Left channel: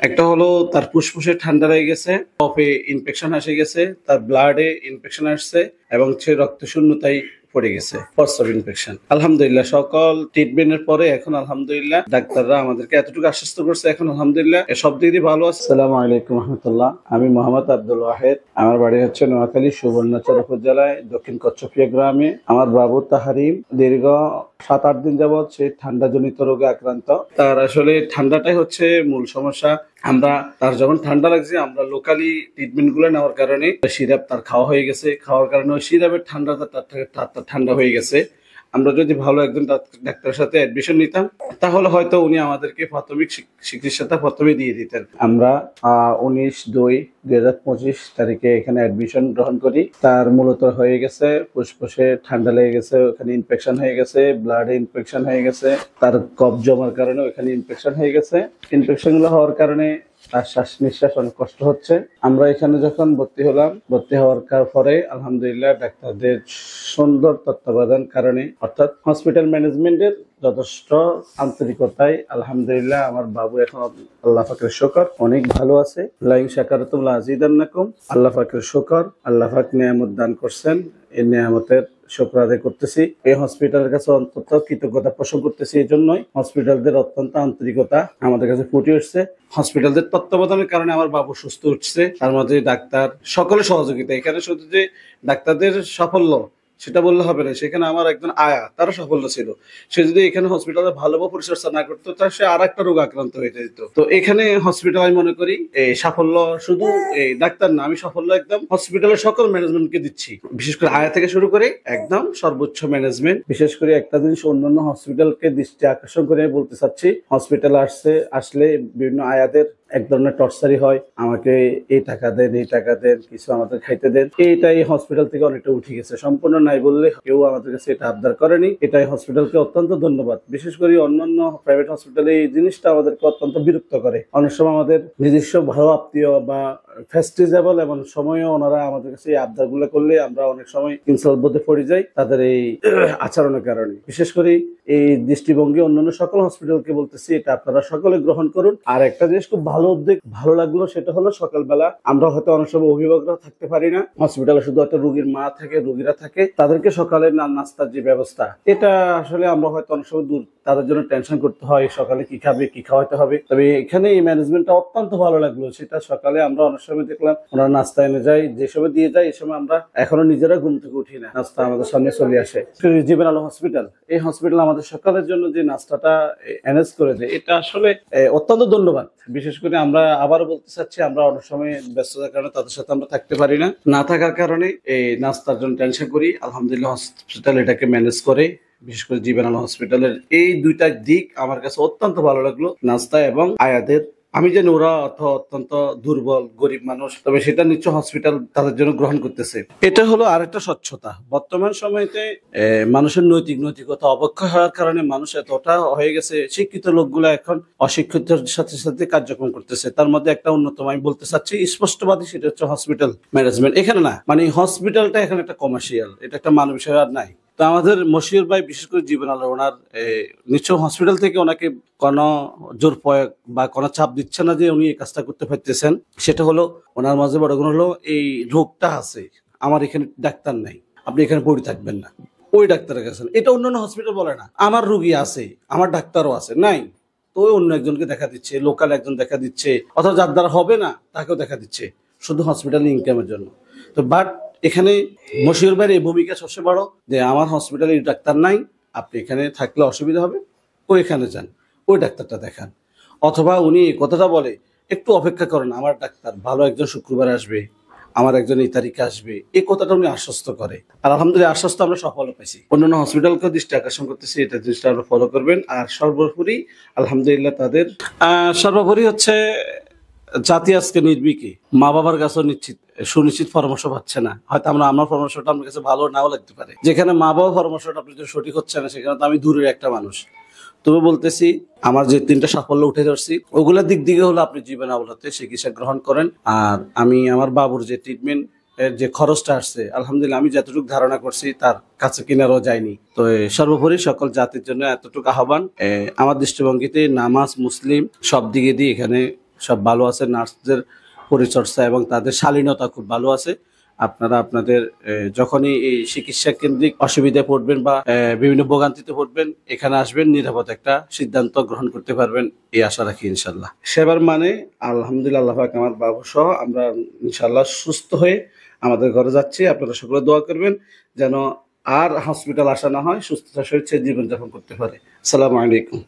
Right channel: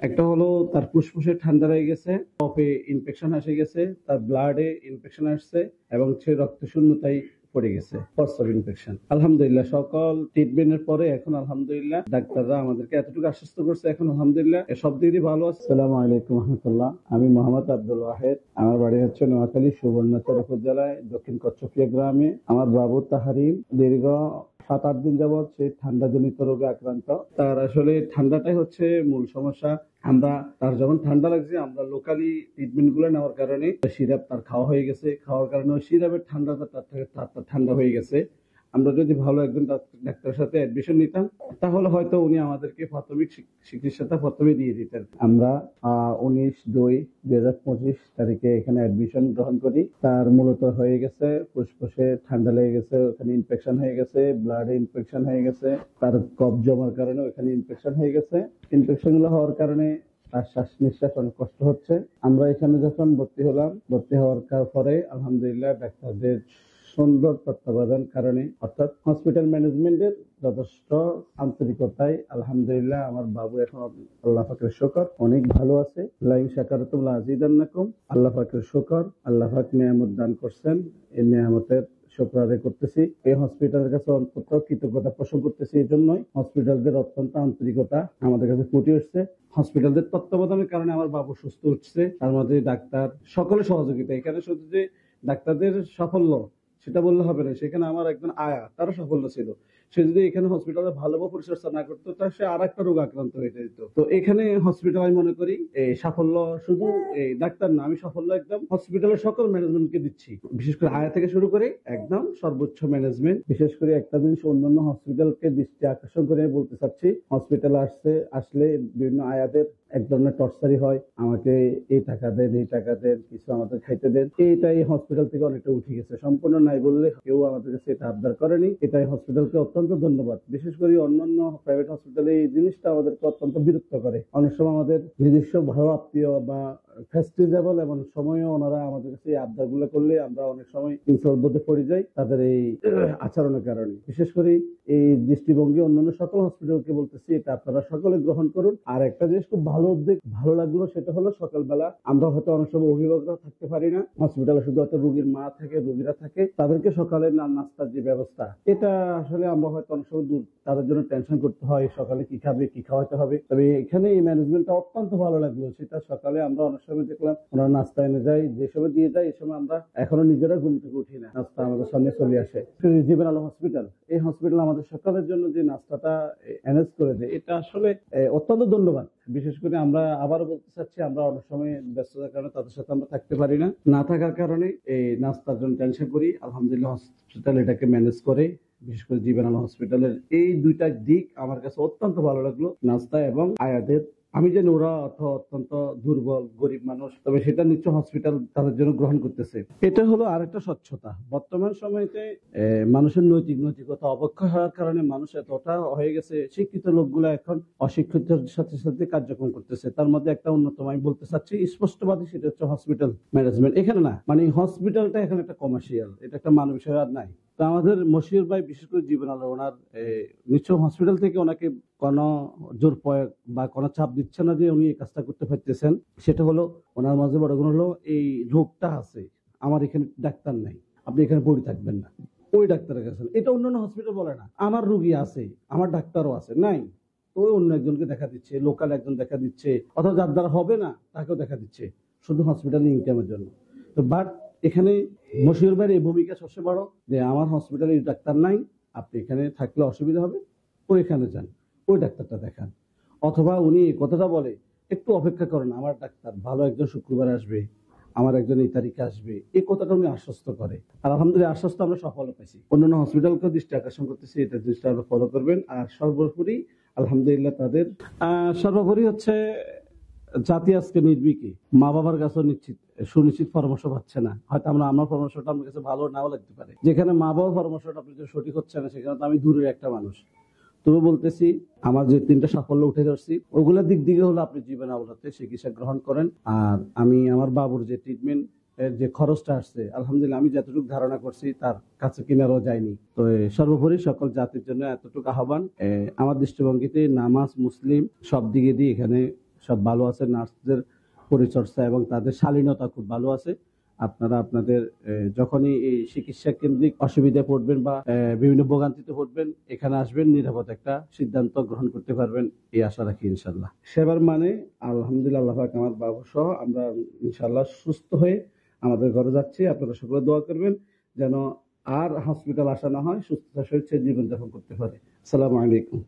একটা হলো তার ফুসফুসে ঠান্ডা লেগে গেছে, কফে ইনফেকশন এসে গেছে, তার ব্লাডে ইনফেকশন আসছে এবং সে রক্ত শূন্যতায় পড়ে গেছে, প্রস্রাব ইনফেকশন। আলহামদুলিল্লাহ সকল ট্রিটমেন্টের পরে এখন আলহামদুলিল্লাহ ডাক্তাররা আমাদেরকে এতটুকু আশ্বস্ত করছে, এখন আলহামদুলিল্লাহ সব দিক দিয়ে ভালো আছে। আসসালামু আলাইকুম রহমতুল্লাহ। আমি মোহাম্মদ আব্দুল ওয়াহেদ। আমার বাড়ি হচ্ছে নোয়াখালী সুবর্ণচর উপজেলায় দক্ষিণ কচ্ছপিয়া গ্রামে। আমার বাবু তাহারিম দীর্ঘ 7-8 দিন যাবৎ সে ঠান্ডা জনিত রোগে আক্রান্ত। তার আসলে ঠান্ডাটাই হচ্ছে মূল সমস্যা। আমরা তার যখন ঠান্ডা লাগছে, আমরা লোকালি ট্রিটমেন্ট গুলো নেওয়ার কারণে সিরাপ তার খাওয়া হয়ে গেছে, খাওয়ার কারণে ওই সিরাপের ঠান্ডাটা তার ঠান্ডা হয়ে গেছে। আমরা যদি ভালো একজন ডাক্তারের সাথে অ্যাডমিশন নিতাম, তাহলে হয়তো উনি আমাদেরকে প্রাথমিক চিকিৎসাটা প্রথমে দিয়ে দিতেন। আমরা 19/2/2025 তারিখে এখানে অ্যাডমিশন গ্রহণ করি। তার মূলত হয়ে গেছে ফুসফুসে ঠান্ডা লেগে গেছে, ওখানে ইনফেকশন হয়ে গেছে, ব্লাডে ইনফেকশন হয়ে গেছে, তার কফ জমার কারণে ওখানে ইনফেকশন হয়ে গেছে। ইনফেকশন গুলো হওয়ার কারণে তার শ্বাস নিঃশ্বাস অনেক কষ্ট হচ্ছে। আমরা এখানে যখন ভর্তি হলাম, ভর্তি হওয়ার পরে আলহামদুলিল্লাহ ডাক্তারদের সুন্দর তত্ত্বাবধান কারণে, অর্থাৎ হসপিটাল ম্যানেজমেন্টের যথেষ্ট আন্তরিকতায় আলহামদুলিল্লাহ আমার বাবু এখন আল্লাহ পাকের শুকর অনেক ভালো আছে। লাইন শাকারাতুম লাযিদান্নাকুম। আল্লাহ পাকের শুকর, আল্লাহ পাক নিয়ামত দান করছেন, এই নিয়ামতের শুকর আদায় করতেছি। এই হসপিটালের কাছে অন্তত কৃতজ্ঞতা পোষণ করতেছি। এই জন্যই হসপিটালদের অত্যন্ত আন্তরিকতা আমাদের কাছে ফুটে উঠছে। হসপিটালদের তত্ত্বাবধানের কারণে আমার বাবু সুস্থ উঠছে। তার মধ্যে ডাক্তার সকলের সহযোগিতা। এখানে শুধু যে ডাক্তারদের সাফল্য সেটা বললে হবে না, সেখানে আমার একজন আয়া তারও সাফল্য ছিল। সে যদি এখানে হসপিটালে ভালোভাবে পরিচর্যা না করতো, তাহলে সে আর একটা রোগ আক্রান্ত হয়ে যেত। তো এখানে হসপিটাল আমি মনে করি এই সাফল্য শুধু এই ডাক্তার না, আমি সাফল্য একদম হসপিটালের সকল ম্যানেজমেন্টকে দিচ্ছি, বিশেষ করে আয়া থেকে শুরু করে একদম সর্বোচ্চ ম্যানেজমেন্ট। বিশেষ করে একটা জিনিস অন্যান্য হসপিটালকে দৃষ্টি আকর্ষণ করে বলতে চাচ্ছি, হসপিটাল আসলে বিভিন্ন আয়াদের এক ধরনের টর্চারি হয়, আমাকে এই টাকা দেন, এই টাকা দেন, কিছু আমাদের খাইতে দেন। এইটাই হসপিটাল থেকে অনেকটা উঠে গেছে, সম্পূর্ণ নাই বললে কেউ আমাদের কাছে এটা আবদার করেনি। এটাই হসপিটালকে অত্যন্ত ধন্যবাদ। বিশেষ করে অন্যান্য প্রাইভেট হসপিটালে এই জিনিসটা আমাদেরকে অত্যন্ত বিরক্ত করে। অনেক সময় আমাদের নিজস্ব ভালো আত্মীয় বা ফেস্টিজেবল এমন সময়ও ওনারা আমাদের কাছে এই আবদার গুলো করলে আমরা অনেক সময় ইনসাল্ট বোধে পড়ে যাই তাদের এই আচরণের কারণে। বিশেষ করে এই দৃষ্টিভঙ্গি অন্যান্য সকল হসপিটালকে বলতেছি, এটা আপনারা সকলে গ্রহণ করুন। আর একটা জিনিস খুব ভালো উদ্যোগ ভালো লাগলো, সেটা হলো সকালবেলা আমরা হয়তো অনেক সময় অভিভাবকরা থাকতে পারি না, হসপিটালে শুধু একটা রোগীর মা থাকে, রোগীরা থাকে, তাদেরকে সকালে নাস্তার যে ব্যবস্থা, এটা আসলে আমরা হয়তো অনেক সময় দূর তাদের জন্য টেনশন করতে হয়, সকালে কি খাবে, কি খাওয়াতে হবে। তবে এখানে এই ম্যানেজমেন্টটা অত্যন্ত ভালো লাগলো। সেটা সকালে আমরা অনেক সময় দেখলাম ওনারা নাস্তা এনে যায়, যে সময় দিয়ে যায়, এই সময় আমরা এখনো নিজেরা ঘুম থেকে উঠি না, নাস্তা আমাদের সামনে চলে আসে। জীবন আলো হসপিটাল, এই হসপিটাল আমাদের সকালের জন্য যে নাস্তাটা অ্যারেঞ্জ করে দেয়, এটা আসলে অত্যন্ত ধন্যবাদ। বিশেষ করে আমরা আবারও বলতে চাচ্ছি, আমরা অনেক সময় ব্যস্ততার কারণে তাদের সাথে আমরা থাকতে পারি না, না থাকার কারণে এই নাস্তার জন্য টেনশন করি। আলহামদুলিল্লাহ হসপিটাল এটাকে ম্যানেজ করে। বিশেষ করে জীবন আলো হসপিটালের এই দুইটা দিক আমার কাছে অত্যন্ত ভালো লাগলো, নাস্তা এবং আয়াদের। আমি জানি ওরা অত্যন্ত দুর্বল গরিব মানুষ, তবে সেটা নিশ্চয় হসপিটাল তাদের জন্য গ্রহণ করতেছে। এটা হলো আরেকটা স্বচ্ছতা। বর্তমান সময়তে মানুষের নৈতিকতা অবক্ষয় হওয়ার কারণে মানুষ এতটা হয়ে গেছে, শিক্ষিত লোকগুলো এখন অশিক্ষিতের সাথে সাথে কার্যক্রম করতেছে। তার মধ্যে একটা অন্যতম আমি বলতে চাচ্ছি স্পষ্টবাদী, সেটা হচ্ছে হসপিটাল ম্যানেজমেন্ট। এখানে না, মানে হসপিটালটা এখানে একটা কমার্শিয়াল, এটা একটা মানব বিষয় আর নাই। তো আমাদের মশিউর ভাই, বিশেষ করে জীবন আলো, ওনার নিশ্চয় হসপিটাল থেকে ওনাকে কোনো জোর প্রয়োগ বা কোনো চাপ দিচ্ছে না যে উনি এই কাজটা করতে পারতেছেন। সেটা হলো ওনার মাঝে বড় গুণ হলো এই রোগটা আছে, আমার এখানে ডাক্তার নাই, আপনি এখানে পড়ে থাকবেন না, ওই ডাক্তারের কাছে। এটা অন্যান্য হসপিটাল বলে না, আমার রুগী আছে, আমার ডাক্তারও আছে, নাই তো ওই অন্য একজনকে দেখা দিচ্ছে, লোকাল একজন দেখা দিচ্ছে, অথবা যার দ্বারা হবে না তাকেও দেখা দিচ্ছে, শুধু হসপিটাল ইনকামের জন্য। তো বাট এখানে মশিউর ভাইয়ের এই ভূমিকা সবচেয়ে বড়, যে আমার হসপিটালে ডাক্তার নাই, আপনি এখানে থাকলে অসুবিধা হবে, ওইখানে যান, ওই ডাক্তারটা দেখান। অথবা উনি এই কথাটা বলে, একটু অপেক্ষা করেন, আমার ডাক্তার ভালো একজন শুক্রবার আসবে, আমার একজন এই তারিখে আসবে, এই কথাটা উনি আশ্বস্ত করে। আর আলহামদুলিল্লাহ আশ্বস্ত আমরা সফল পাইছি। অন্যান্য হসপিটালকেও দৃষ্টি আকর্ষণ করতেছি, এটা জিনিসটা আমরা ফলো করবেন। আর সর্বোপরি আলহামদুলিল্লাহ তাদের সর্বোপরি হচ্ছে জাতি আজকে নির্বিকি, মা বাবার কাছেও সুনিশ্চিত পরামর্শ পাচ্ছে না। হয়তো আমার পরামর্শটা আমার কাছে ভালো নাও লাগতে পারে, যেখানে মা বাবা পরামর্শটা আপনার জন্য সঠিক হচ্ছে না, সেখানে তো আমি দূরের একটা মানুষ। তবে বলতেছি, আমার যে 3টা সাফল্য উঠে ধরছি, ওগুলোর দিক দিকে হলো আপনি জীবন আলোতে চিকিৎসা গ্রহণ করেন। আর আমি আমার বাবুর যে ট্রিটমেন্ট এর যে খরচটা আসছে, আলহামদুলিল্লাহ আমি যতটুকু ধারণা করছি তার কাছে কিনারও যায়নি। তো সর্বোপরি সকল জাতির জন্য এতটুকু আহ্বান, আমার দৃষ্টিভঙ্গিতে নামাজ মুসলিম সব দিকে দিয়ে এখানে সব ভালো আছে, নার্সদের পরিচর্যা এবং তাদের শালীনতা খুব ভালো আছে। আপনারা আপনাদের যখনই এই চিকিৎসা কেন্দ্রিক অসুবিধায় পড়বেন বা বিভিন্ন ভোগান্তিতে পড়বেন, এখানে আসবেন, নিরাপদ একটা সিদ্ধান্ত গ্রহণ করতে পারবেন এই আশা রাখি ইনশাল্লাহ। সেবার মানে আলহামদুলিল্লাহ, আল্লাহ পাক আমার বাবু সহ আমরা ইনশাল্লাহ সুস্থ হয়ে আমাদের ঘরে যাচ্ছি। আপনারা সকলে দোয়া করবেন যেন আর হসপিটাল আসা না হয়, সুস্থতার সহিত সে জীবনযাপন করতে পারে। আসসালামু আলাইকুম।